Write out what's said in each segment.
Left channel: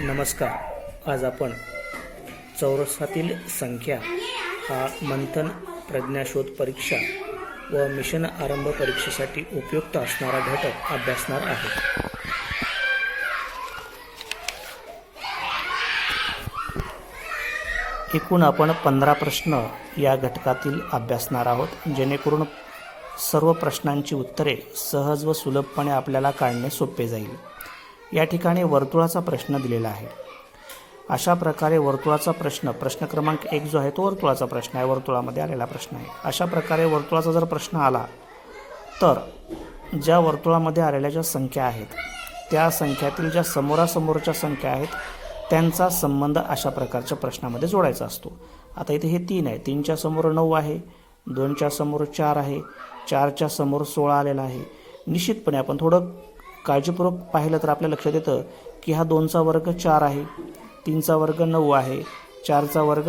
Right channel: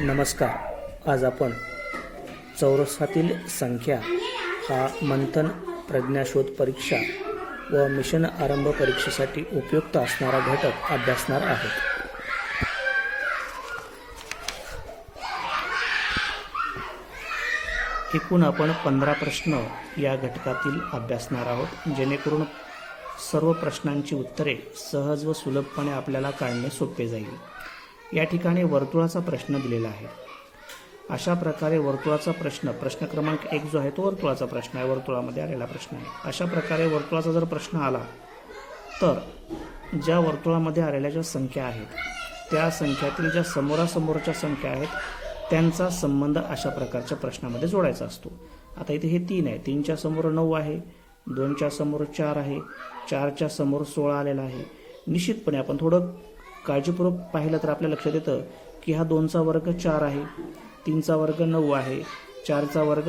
नमस्कार. आज आपण चौरसातील संख्या हा मंथन, प्रज्ञाशोध परीक्षा व मिशन आरंभ परीक्षेसाठी उपयुक्त असणारा घटक अभ्यासणार आहोत. एकूण आपण 15 प्रश्न या घटकातील अभ्यासणार आहोत, जेणेकरून सर्व प्रश्नांची उत्तरे सहज व सुलभपणे आपल्याला काढणे सोपे जाईल. या ठिकाणी वर्तुळाचा प्रश्न दिलेला आहे. अशा प्रकारे वर्तुळाचा प्रश्न क्रमांक 1 जो आहे तो वर्तुळाचा प्रश्न आहे, वर्तुळामध्ये आलेला प्रश्न आहे. अशा प्रकारे वर्तुळाचा जर प्रश्न आला तर ज्या वर्तुळामध्ये आलेल्या ज्या संख्या आहेत त्या संख्यातील ज्या समोरासमोरच्या संख्या आहेत त्यांचा संबंध अशा प्रकारच्या प्रश्नामध्ये जोडायचा असतो. आता इथे हे 3 आहे, 3च्या समोर 9 आहे, 2च्या समोर 4 आहे, 4च्या समोर 16 आलेला आहे. निश्चितपणे आपण थोडं काळजीपूर्वक पाहिलं तर आपल्या लक्षात येतं की हा 2चा वर्ग 4 आहे, 3चा वर्ग 9 आहे, 4चा वर्ग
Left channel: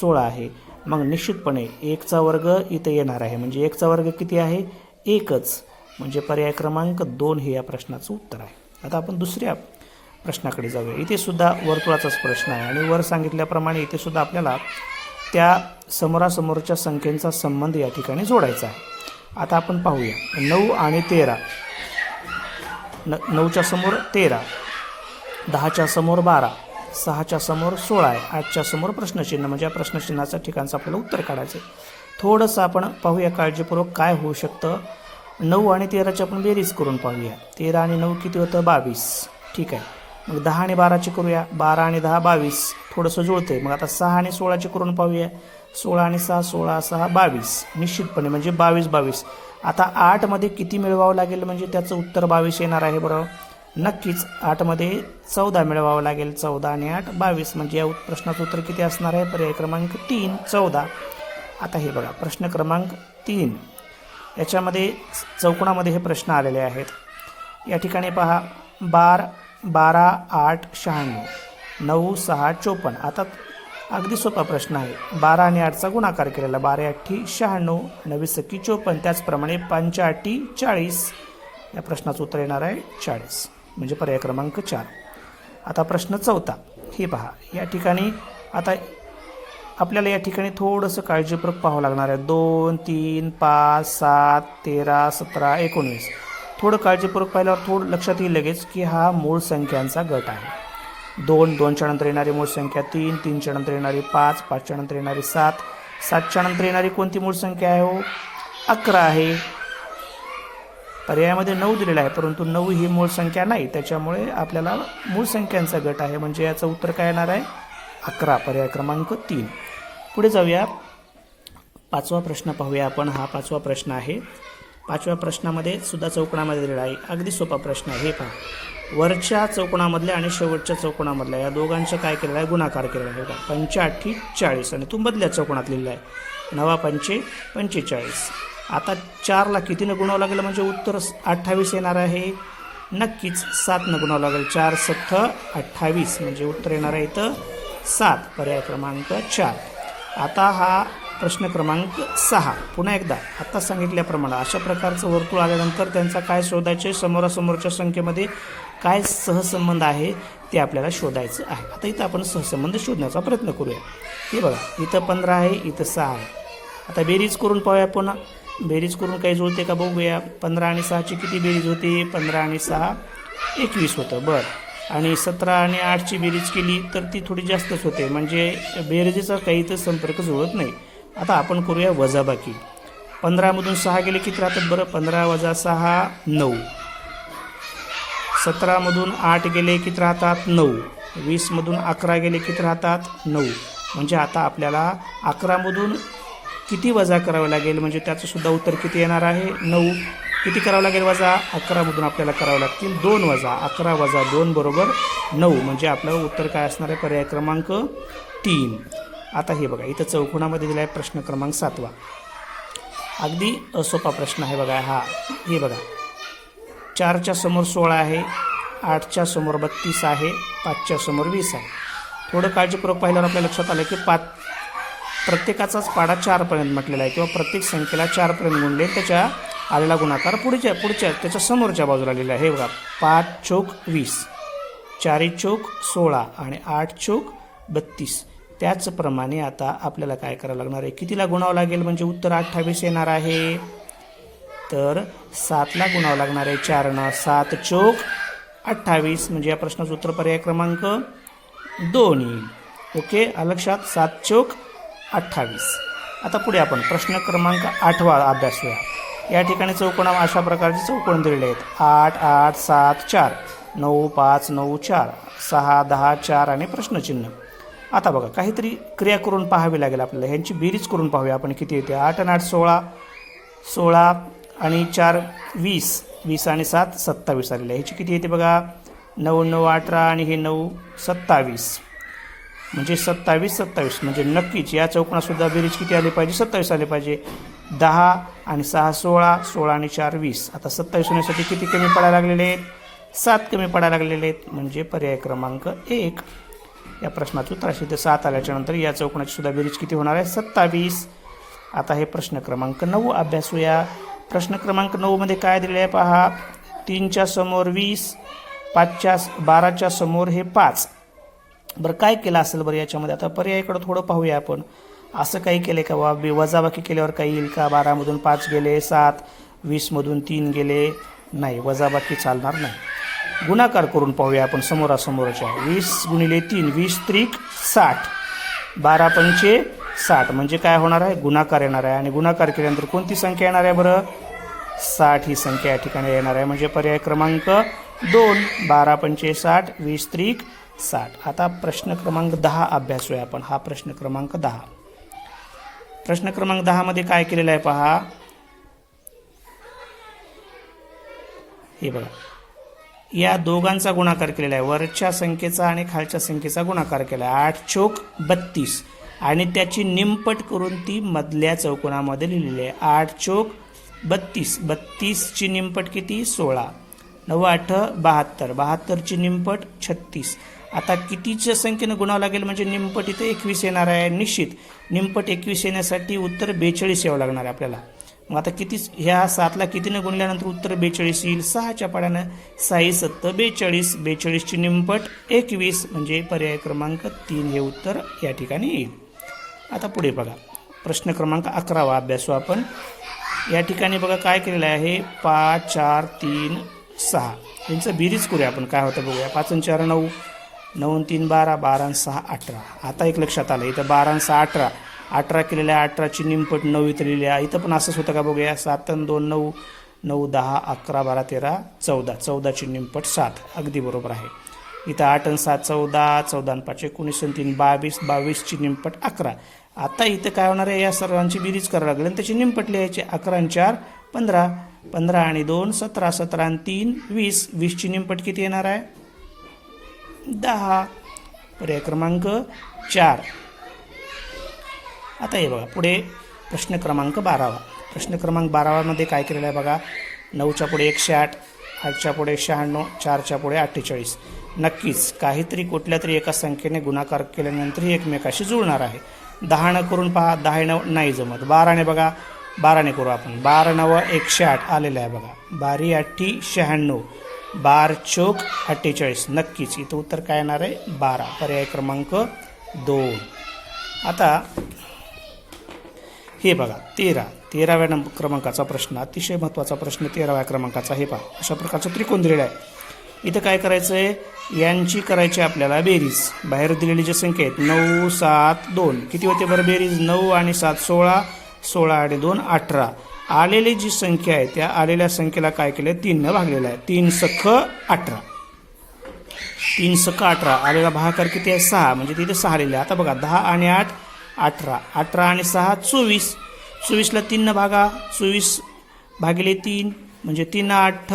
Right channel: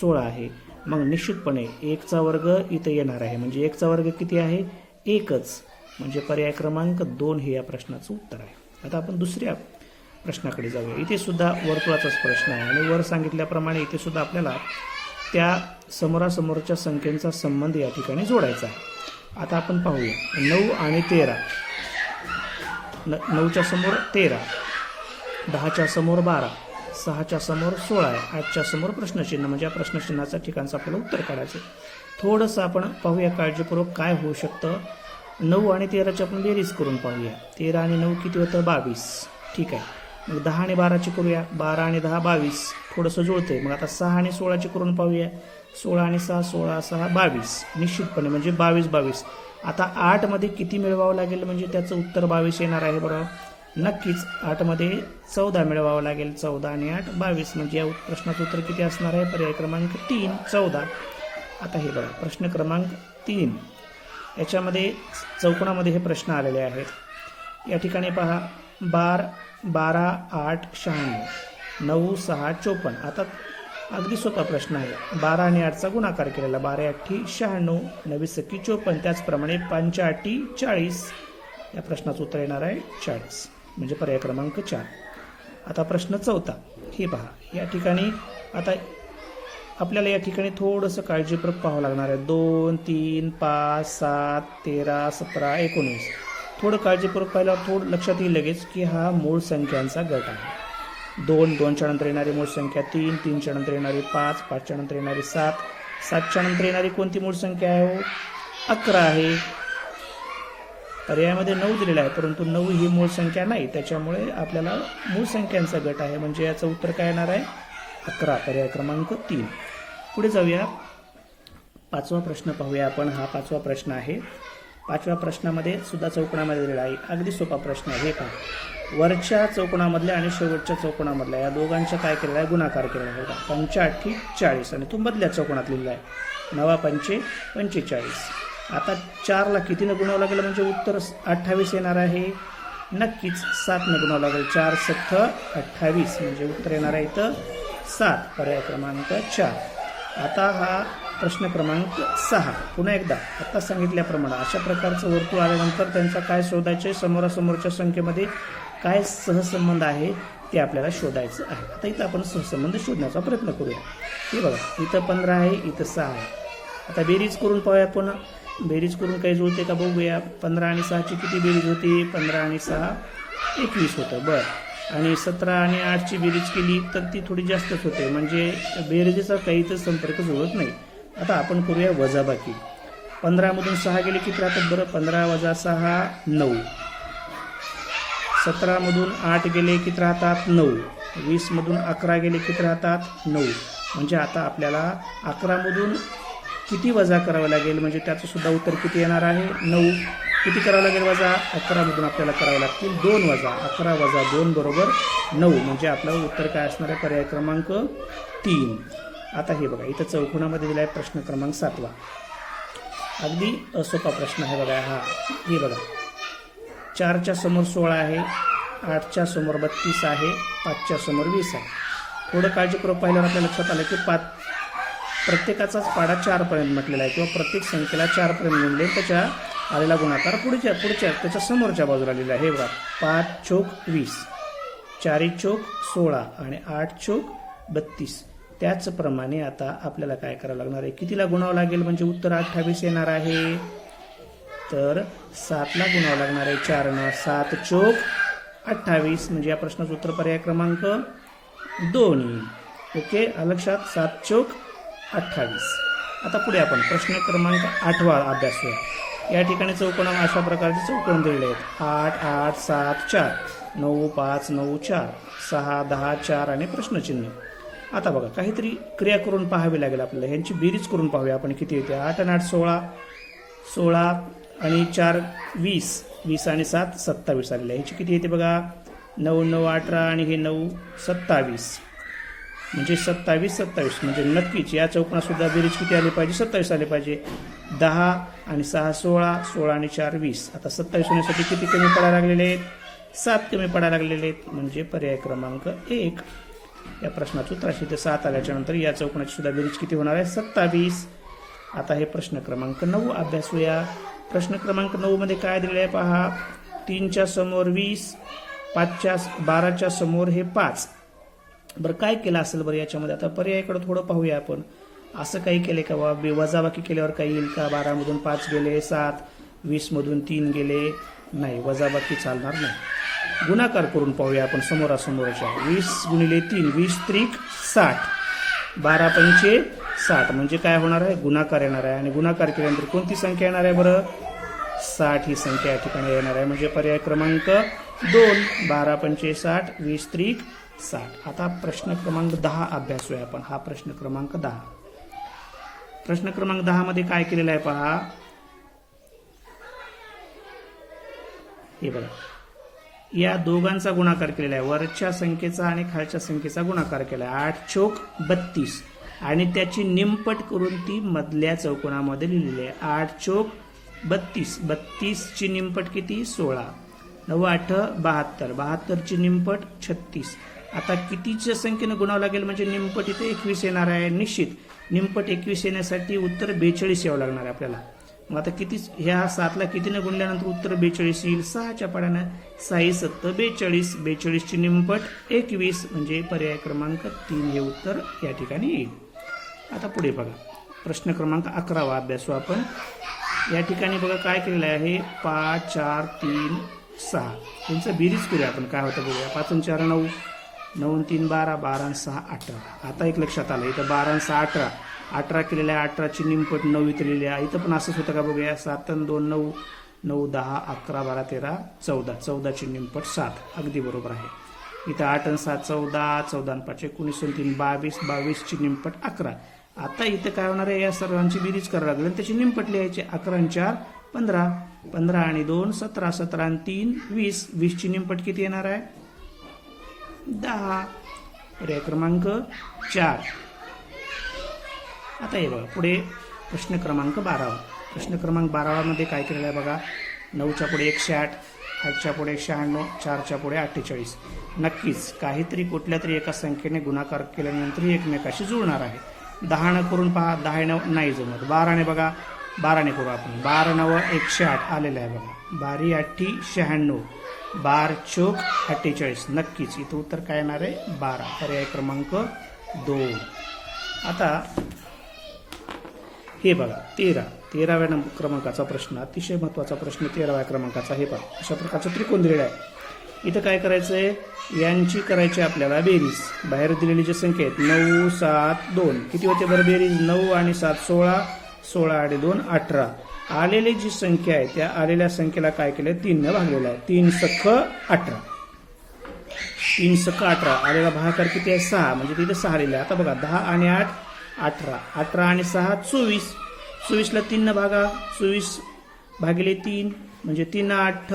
16 आहे. मग निश्चितपणे 1चा वर्ग इथे येणार आहे, म्हणजे 1चा वर्ग किती आहे? 1च. म्हणजे पर्याय क्रमांक 2 हे या प्रश्नाचं उत्तर आहे. आता आपण दुसऱ्या प्रश्नाकडे जाऊया. इथे सुद्धा वर्तुळाचाच प्रश्न आहे आणि वर सांगितल्याप्रमाणे इथे सुद्धा आपल्याला त्या समोरासमोरच्या संख्येचा संबंध या ठिकाणी जोडायचा आहे. आता आपण पाहूया. 9 आणि 13, 9च्या समोर 13, 10च्या समोर 12, 6च्या समोर 16 आहे, 8च्या समोर प्रश्नचिन्ह, म्हणजे या प्रश्नचिन्हाच्या ठिकाणचं आपल्याला उत्तर काढायचं आहे. थोडंसं आपण पाहूया काळजीपूर्वक काय होऊ शकतं. 9 आणि 13ची आपण बेरीज करून पाहूया. 13 आणि 9 किती होतं? 22. ठीक आहे. मग 10 आणि 12ची करूया. 12 आणि 10 22. थोडंसं जुळतंय. मग आता 6 आणि 16ची करून पाहूया. 16 आणि 6 16, 6 22. निश्चितपणे म्हणजे 22 22. आता 8 मध्ये किती मिळवावं लागेल म्हणजे त्याचं उत्तर 22 येणार आहे. बरोबर, नक्कीच 8 मध्ये 14 मिळवावं लागेल. 14 आणि 8 22. म्हणजे या प्रश्नाचं उत्तर किती असणार आहे? पर्याय क्रमांक 3 14. आता हे बघा, प्रश्न क्रमांक 3 याच्यामध्ये चौकोनामध्ये हे प्रश्न आलेले आहेत. या ठिकाणी पहा, 12 8 96, 9 6 54. आता अगदी सोपा प्रश्न आहे. 12 आणि 8चा गुणाकार केलेला, 12 8 96, 9 6 54. त्याचप्रमाणे 5 8 40. या प्रश्नाचं उत्तर येणार आहे 40, म्हणजे पर्याय क्रमांक 4. आता प्रश्न 4 हे पहा. या ठिकाणी आता आपल्याला या ठिकाणी थोडंसं काळजीपूर्वक पाहावं लागणार आहे. 2 3 5 7 13 17 19. थोडं काळजीपूर्वक पाहिल्यावर थोडं लक्षात येईल लगेच की हा मूळ संख्यांचा गट आहे. 2 2च्या नंतर येणारी मूळ संख्या 3 3च्या नंतर येणारी 5 5च्या नंतर येणारी 7 7च्या नंतर येणारी कोणती मूळ संख्या आहे? हो, 11 आहे. पर्यायामध्ये 9 दिलेला आहे, परंतु 9 ही मूळ संख्या नाही, त्याच्यामुळे आपल्याला मूळ संख्यांचा गट आहे, म्हणजे याचं उत्तर काय येणार आहे? 11, पर्याय क्रमांक 3. पुढे जाऊया. 5वा प्रश्न पाहूया आपण. हा 5वा प्रश्न आहे. 5व्या प्रश्नामध्ये सुद्धा चौकोनामध्ये दिलेला आहे. अगदी सोपा प्रश्न आहे. हे पहा, वरच्या चौकोनामधल्या आणि शेवटच्या चौकोनामधल्या या दोघांचा काय केलेला आहे? गुणाकार केलेला आहे. 5 8 40 आणि तो मधल्या चौकोनात लिहिलेला आहे. 9 5 45. आता 4ला कितीनं गुणावं लागेल म्हणजे उत्तर 28 येणार आहे? नक्कीच 7नं गुणावं लागेल. 4 7 28, म्हणजे उत्तर येणार आहे इथं 7, पर्याय क्रमांक 4. आता हा प्रश्न क्रमांक 6. पुन्हा एकदा आता सांगितल्याप्रमाणे अशा प्रकारचं वर्तुळ आल्यानंतर त्यांचा काय शोधायचे? समोरासमोरच्या संख्येमध्ये काय सहसंबंध आहे ते आपल्याला शोधायचं आहे. आता इथं आपण सहसंबंध शोधण्याचा प्रयत्न करूया. हे बघा, इथं 15 आहे, इथं 6 आहे. आता बेरीज करून पाहूया. पुन्हा बेरीज करून काही जुळते का बघूया. 15 आणि 6ची किती बेरीज होती? 15 आणि 6 21 होतं. बरं, आणि 17 आणि 8ची बेरीज केली तर ती थोडी जास्तच होते, म्हणजे बेरीजचा काही तर संपर्क जुळत नाही. आता आपण करूया वजाबाकी. 15 मधून 6 गेले किती राहतात? बरं, 15 वजा 6 9. 17 मधून 8 गेले किती राहतात? 9. 20 मधून 11 गेले किती राहतात? 9. म्हणजे आता आपल्याला 11 मधून किती वजा करावं लागेल म्हणजे त्याचं सुद्धा उत्तर किती येणार आहे? 9. किती करावं लागेल वजा? 11 मधून आपल्याला करावं लागतील 2 वजा. 11 वजा 2 बरोबर 9, म्हणजे आपलं उत्तर काय असणार आहे? पर्याय क्रमांक 3. आता हे बघा, इथं चौकोनामध्ये दिला आहे प्रश्न क्रमांक 7वा. अगदी सोपा प्रश्न आहे बघा हा. हे बघा, 4च्या समोर 16 आहे, 8च्या समोर 32 आहे, 5च्या समोर 20 आहे. थोडं काळजीपूर्वक पाहिल्यावर आपल्या लक्षात आलं की प्रत्येकाचाच पाडा 4 पर्यंत म्हटलेला आहे, किंवा प्रत्येक संख्येला 4 पर्यंत गुणले त्याच्या आलेला गुणाकार पुढच्या त्याच्या समोरच्या बाजूला लिहिला आहे. हे बघा, 5 चौक 20. 4 चौक 16 आणि 8 चौक 32. त्याचप्रमाणे आता आपल्याला काय करावं लागणार आहे, कितीला गुणावं लागेल म्हणजे उत्तर 28 येणार आहे. तर 7ला गुणावं लागणार आहे 4नं. 7 चौक 28 म्हणजे या प्रश्नाचं उत्तर पर्याय क्रमांक 2 येईल. ओके, लक्षात. 7 चौक 28. आता पुढे आपण प्रश्न क्रमांक 8वा अभ्यासूया. या ठिकाणी चौकोना अशा प्रकारचे चौकोन दिलेले आहेत. 8 8 7 4 9 5 9 4 6 10 4 आणि प्रश्नचिन्ह. आता बघा, काहीतरी क्रिया करून पाहावी लागेल आपल्याला. ह्यांची बेरीज करून पाहूया आपण किती येते. 8 आणि 8 16, 16 आणि 4 20, 20 आणि 7 27 आलेले. ह्याची किती येते बघा. 9 9 18 आणि हे 9 27 म्हणजे 27 27 म्हणजे नक्कीच या चौकोनासुद्धा बेरीज किती आली पाहिजे, 27 आले पाहिजे. 10 आणि 6 16, 16 आणि 4 20. आता 27 होण्यासाठी किती कमी पडायला लागलेले आहेत, 7 कमी पडायला लागलेले आहेत. म्हणजे पर्याय क्रमांक 1 या प्रश्नाचं उत्तर असेल. तर 7 आल्याच्या नंतर या चौकोनाची सुद्धा बेरीज किती होणार आहे, 27. आता हे प्रश्न क्रमांक 9 अभ्यासूया. प्रश्न क्रमांक 9 मध्ये काय दिले आहे पहा. 3च्या समोर 20, 12च्या समोर हे 5. बरं, काय केलं असेल बरं याच्यामध्ये. आता पर्यायाकडे थोडं पाहूया आपण. असं काही केलं का वजाबाकी केल्यावर काही येईल का. 12मधून 5 गेले 7, 20मधून 3 गेले नाही, वजाबाकी चालणार नाही. गुणाकार करून पाहूया आपण समोरासमोरच्या. 20 गुणिले 3 20 त्रिक 60, 12 पंचे 60 म्हणजे काय होणार आहे, गुणाकार येणार आहे. आणि गुणाकार केल्यानंतर कोणती संख्या येणार आहे बरं, 60 ही संख्या या ठिकाणी येणार आहे. म्हणजे पर्याय क्रमांक 2. 12 पंचे 60, 20 त्रिक 60. आता प्रश्न क्रमांक 10 अभ्यासूया आपण. हा प्रश्न क्रमांक 10. प्रश्न क्रमांक 10 मध्ये काय केलेलं आहे पहा. हे बघा, या दोघांचा गुणाकार केलेला आहे. वरच्या संख्येचा आणि खालच्या संख्येचा गुणाकार केला आहे. 8 चौक 32 आणि त्याची निमपट करून ती मधल्या चौकोनामध्ये लिहिलेली आहे. 8 चौक 32, 32ची निमपट किती, 16. 9 8 72, 72ची निमपट 36. आता कितीच्या संख्येनं गुणावं लागेल म्हणजे निमपट इथे 21 येणार आहे. निश्चित निमपट 21 येण्यासाठी उत्तर 42 यावं लागणार आहे आपल्याला. मग आता किती, ह्या 7ला कितीनं गुणल्यानंतर उत्तर 42 येईल. 6च्या पाड्यानं 6 7 42, 42ची निमपट 21 म्हणजे पर्याय क्रमांक 3 हे उत्तर या ठिकाणी येईल. आता पुढे बघा, प्रश्न क्रमांक 11 अभ्यासू आपण. या ठिकाणी बघा काय केलेलं आहे. 5 4 3 6 यांचं बेरीज करूया आपण. काय होतं बघूया. 5 आणि 4 9, 9 आणि 3 12, 12 आणि 6 18. आता एक लक्षात आलं, इथं 12 आणि 6 18, 18 केलेल्या आहे. 18ची निमपट 9 इथं लिहिली आहे. इथं पण असंच होतं का बघूया. 7 आणि 2 9, 9 10 11 12 13 14, 14ची निमपट 7. अगदी बरोबर आहे. इथं 8 आणि 7 14, 14 आणि 5 19 आणि 3 22, 22ची निमपट 11. आता इथं काय होणार आहे, या सर्वांची बेरीज करावी लागेल आणि त्याची निमपट लिहायची. 11 आणि 4 15, 15 आणि 2 17, 17 आणि 3 20, 20ची निमपट किती येणार आहे, 10. पर्याय क्रमांक 4. आता हे बघा पुढे प्रश्न क्रमांक 12. प्रश्न क्रमांक 12 मध्ये काय केलेलं आहे बघा. 9च्या पुढे 108, 8च्या पुढे 96, 4च्या पुढे 48. नक्कीच काहीतरी कुठल्या तरी एका संख्येने गुणाकार केल्यानंतर ही एकमेकाशी जुळणार आहे. 10 करून पहा. 10 नाही जमत. 12ने बघा, 12ने करू आपण. 12 9 108 आलेलं आहे बघा. 12 8 96, 12 चौक 48. नक्कीच इथं उत्तर काय येणार आहे, 12. पर्याय क्रमांक 2. आता हे बघा 13व्या क्रमांकाचा प्रश्न, अतिशय महत्त्वाचा प्रश्न 13व्या क्रमांकाचा. हे पहा, अशा प्रकारचं त्रिकोण दिलेलं आहे. इथं काय करायचं आहे, यांची करायची आपल्याला बेरीज. बाहेर दिलेली जी संख्या आहेत 9 7 2 किती होते बरं बेरीज. 9 आणि 7 16, 16 आणि 2 18. आलेली जी संख्या आहे त्या आलेल्या संख्येला काय केलं, 3 भागलेलं आहे. 3 सख 18, 3 सख 18. आलेला भागाकार किती आहे, 6 म्हणजे तिथे 6 आलेले आहे. आता बघा 10 आणि 8 18, 18 आणि 6 24. 24ला 3 भागा, 24 भागिले 3 म्हणजे 3 8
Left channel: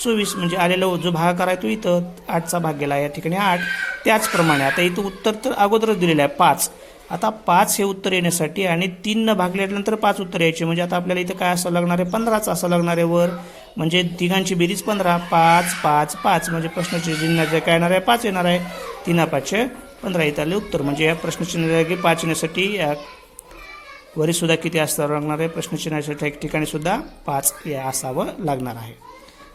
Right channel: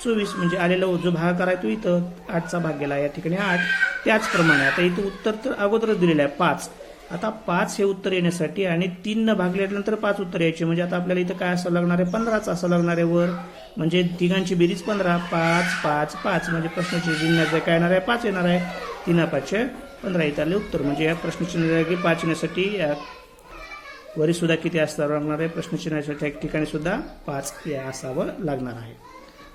24 म्हणजे आलेला जो भागाकार आहे तो इथं 8चा भाग गेला या ठिकाणी 8. त्याचप्रमाणे आता इथं उत्तर तर अगोदरच दिलेलं आहे 5. आता 5 हे उत्तर येण्यासाठी आणि 3 भागल्यानंतर 5 उत्तर यायचे म्हणजे आता आपल्याला इथं काय असं लागणार आहे, 15चं असं लागणार आहे वर. म्हणजे तिघांची बेरीज 15. 5 5 5 म्हणजे प्रश्नाचे चिन्ह काय येणार आहे, 5 येणार आहे. 3 5 15 इथं आले उत्तर. म्हणजे या प्रश्नचिन्ह 5 येण्यासाठी वरी सुद्धा किती असावं लागणार आहे, प्रश्नचिन्हाच्या ठिकाणी सुद्धा 5 असावं लागणार आहे.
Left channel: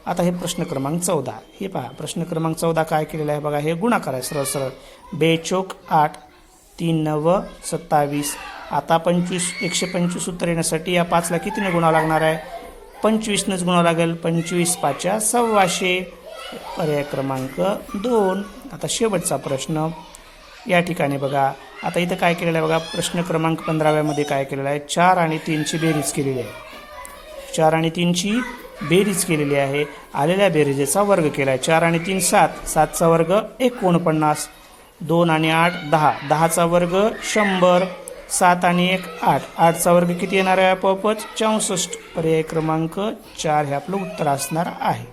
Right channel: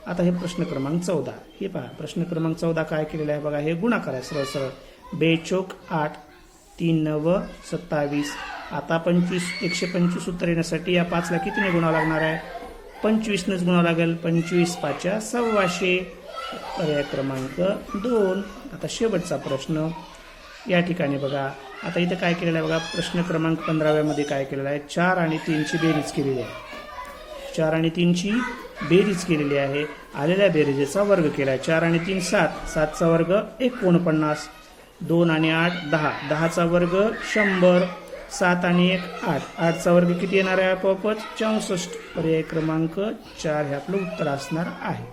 आता हे प्रश्न क्रमांक 14. हे पहा, प्रश्न क्रमांक 14 काय केलेलं आहे बघा. हे गुणाकार आहे सरळ सरळ. 2 चोक 8, 3 9 27. आता 125 उत्तर येण्यासाठी या 5ला कितीने गुणावं लागणार आहे? 25नंच गुणावं लागेल. 25 5 126. पर्याय क्रमांक 2. आता शेवटचा प्रश्न या ठिकाणी बघा. आता इथं काय केलेलं आहे बघा. प्रश्न क्रमांक 15व्यामध्ये काय केलेलं आहे? 4 आणि 3ची बेरीज केलेली आहे. 4 आणि 3ची बेरीज केलेली आहे. आलेल्या बेरीजेचा वर्ग केला आहे. 4 आणि 3 7, 7चा वर्ग 49. 2 आणि 8 10, 10चा वर्ग 100. 7 आणि 1 8, 8चा वर्ग किती येणार आहे? आपोआपच 64. पर्याय क्रमांक 4 हे आपलं उत्तर असणार आहे.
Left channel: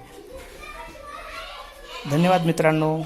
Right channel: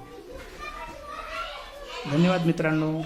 धन्यवाद मित्रांनो.